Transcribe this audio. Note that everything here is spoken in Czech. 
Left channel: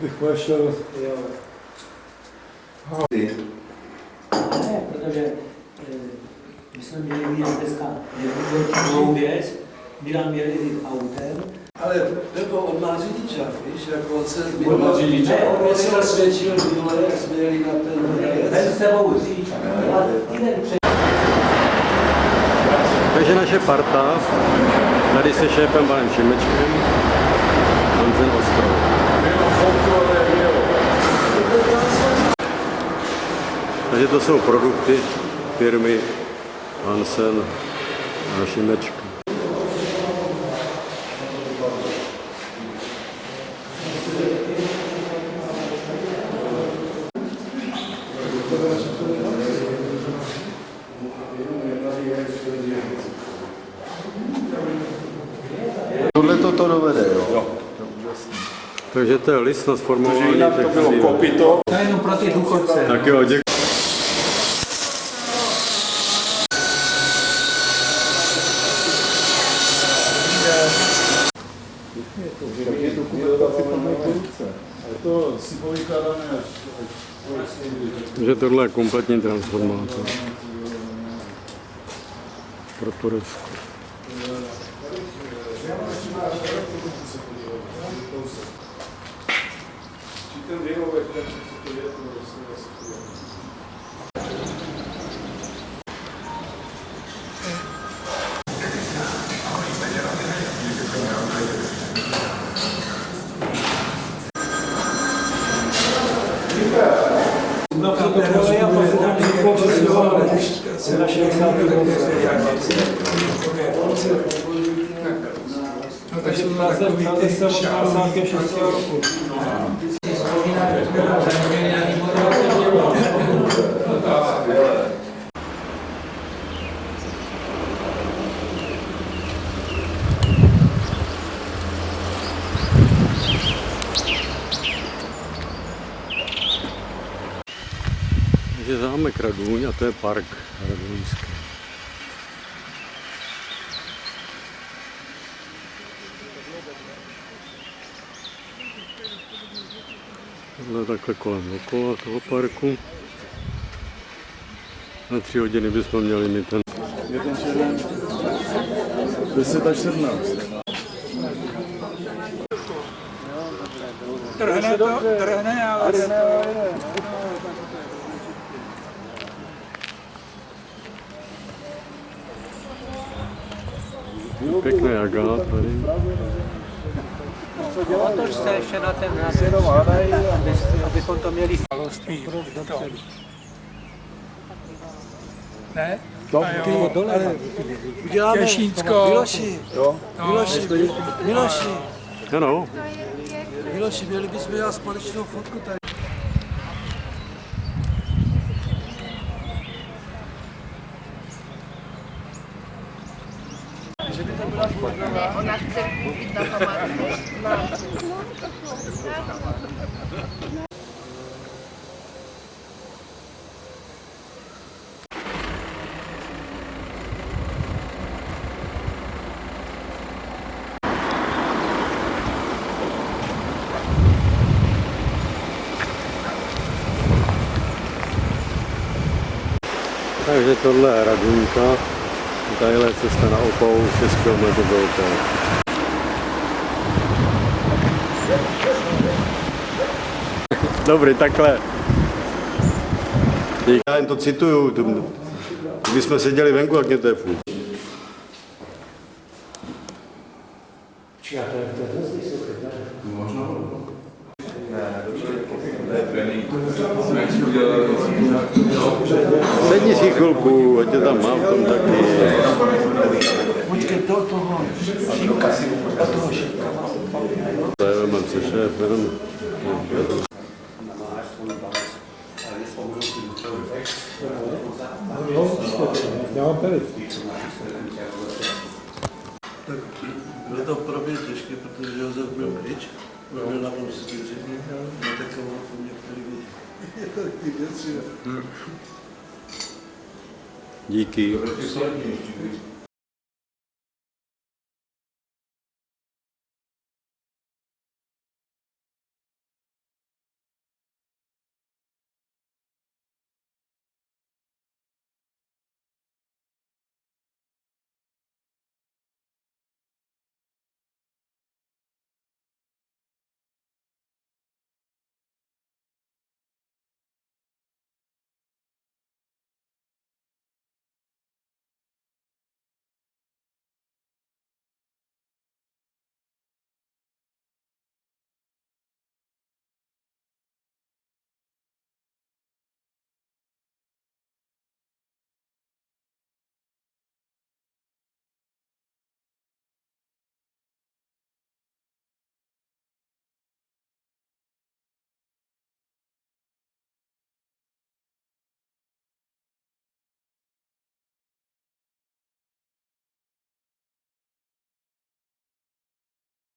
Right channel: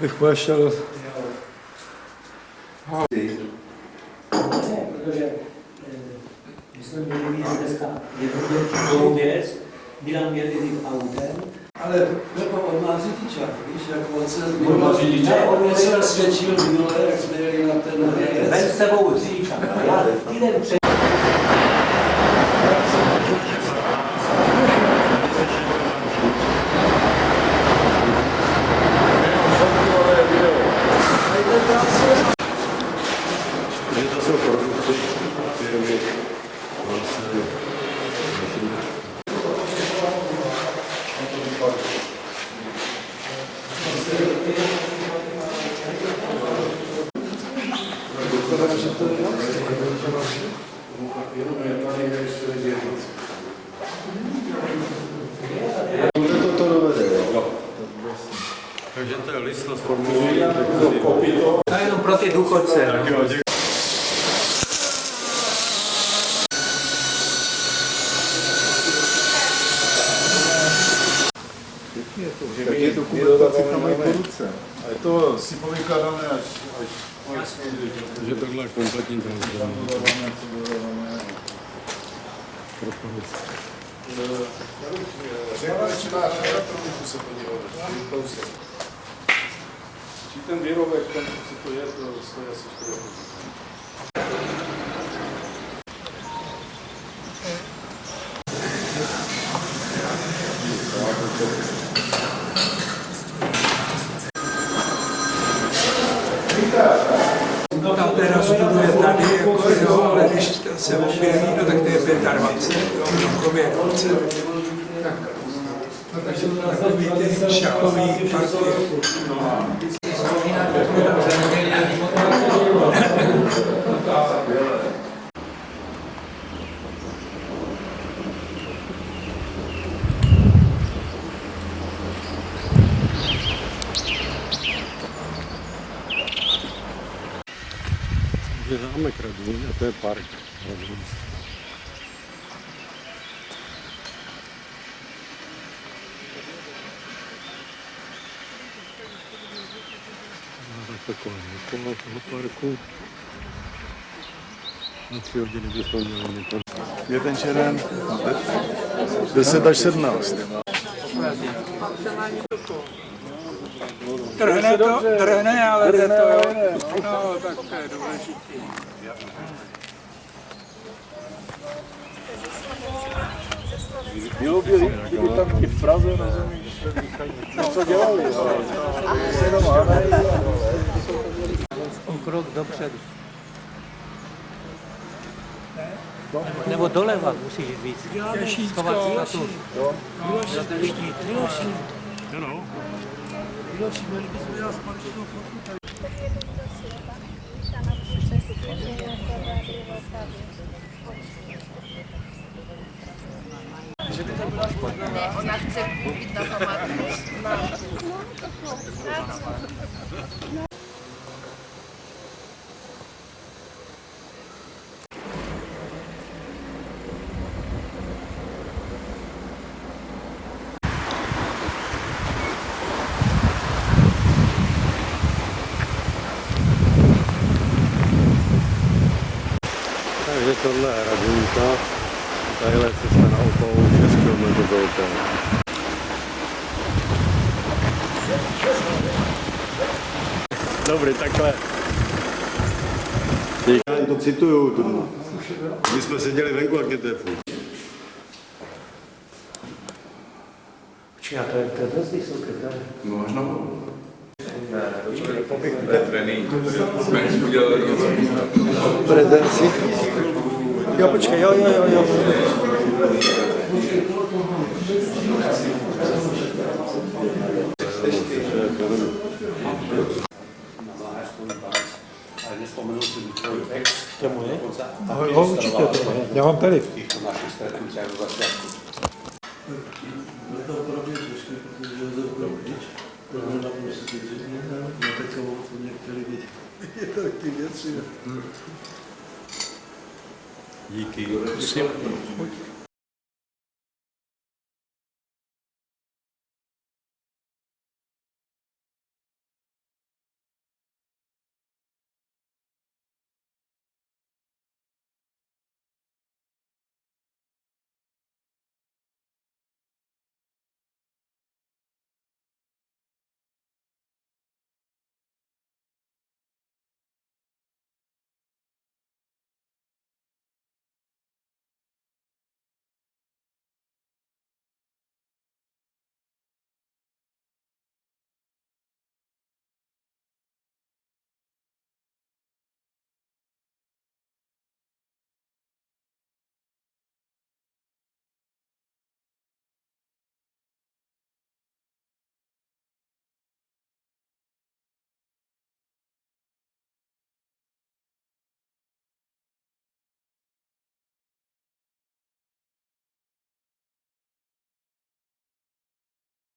bych pošel. Ne, protože my jsme měli vidět dneska jednu věc, Milan měl jít autem. Ale Pepo, on má řidičák, víš, jako on se On se nasvědčil minule, jak jsme jeli na ten Hradec. Ven s tebou řidičák. Já týden před. Takže naše parta, tady se šéfem panem Šimečkem. Takže to jsou produkty firmy Hansen a Šimečka. Tohle to dovede, jo? Takže to je list na sformování. To je jenom pro ty důchodce. Tak jo, děkuji. Tak je to kupovací tam mají po ruce. A je to si povykládané až Takže tohle je kompletní transformátor. Pro Turecko. Či ten výrobek, ten, co to je, to je asi chvíle. Ta teraz buduje tady, jako, jo, ale když se objeví, no, tak to je 25, no, tak jsou to takový ty šachový parky. Je zámek Radůň a to je park Radůňský. Tohle takhle kolem okolo toho parku. Na 3 hodiny bychom měli mít ten. Jeden červen, 10 až 17. Trhne to, trhne, ale to, no, tak to je důležité. Pěkný agát. V Praze na zemi. Co dělali? Se jenom hádají, Abychom to měli krok dopředu. Ne? Nebo doleva musíš říct. Těšínsko. Miloši, Ano. měli bychom udělat společnou fotku tady. Ona chce koupit na památku. Takže tohle je Radunka. Tadyhle cesta na Opavu 6 km do Opavy. Dobrý, takhle. Já jen to cituju. My jsme seděli venku, jak mě to je furt. Sedni si chvilku, ať tě tam mám. Počkej, toho. Roman, si šéf, jenom. Já mám tady. Bude to pro mě těžké, protože Josef byl pryč, byl na tom 4, na takovou jsou některé věci. Je to taky věci. Díky.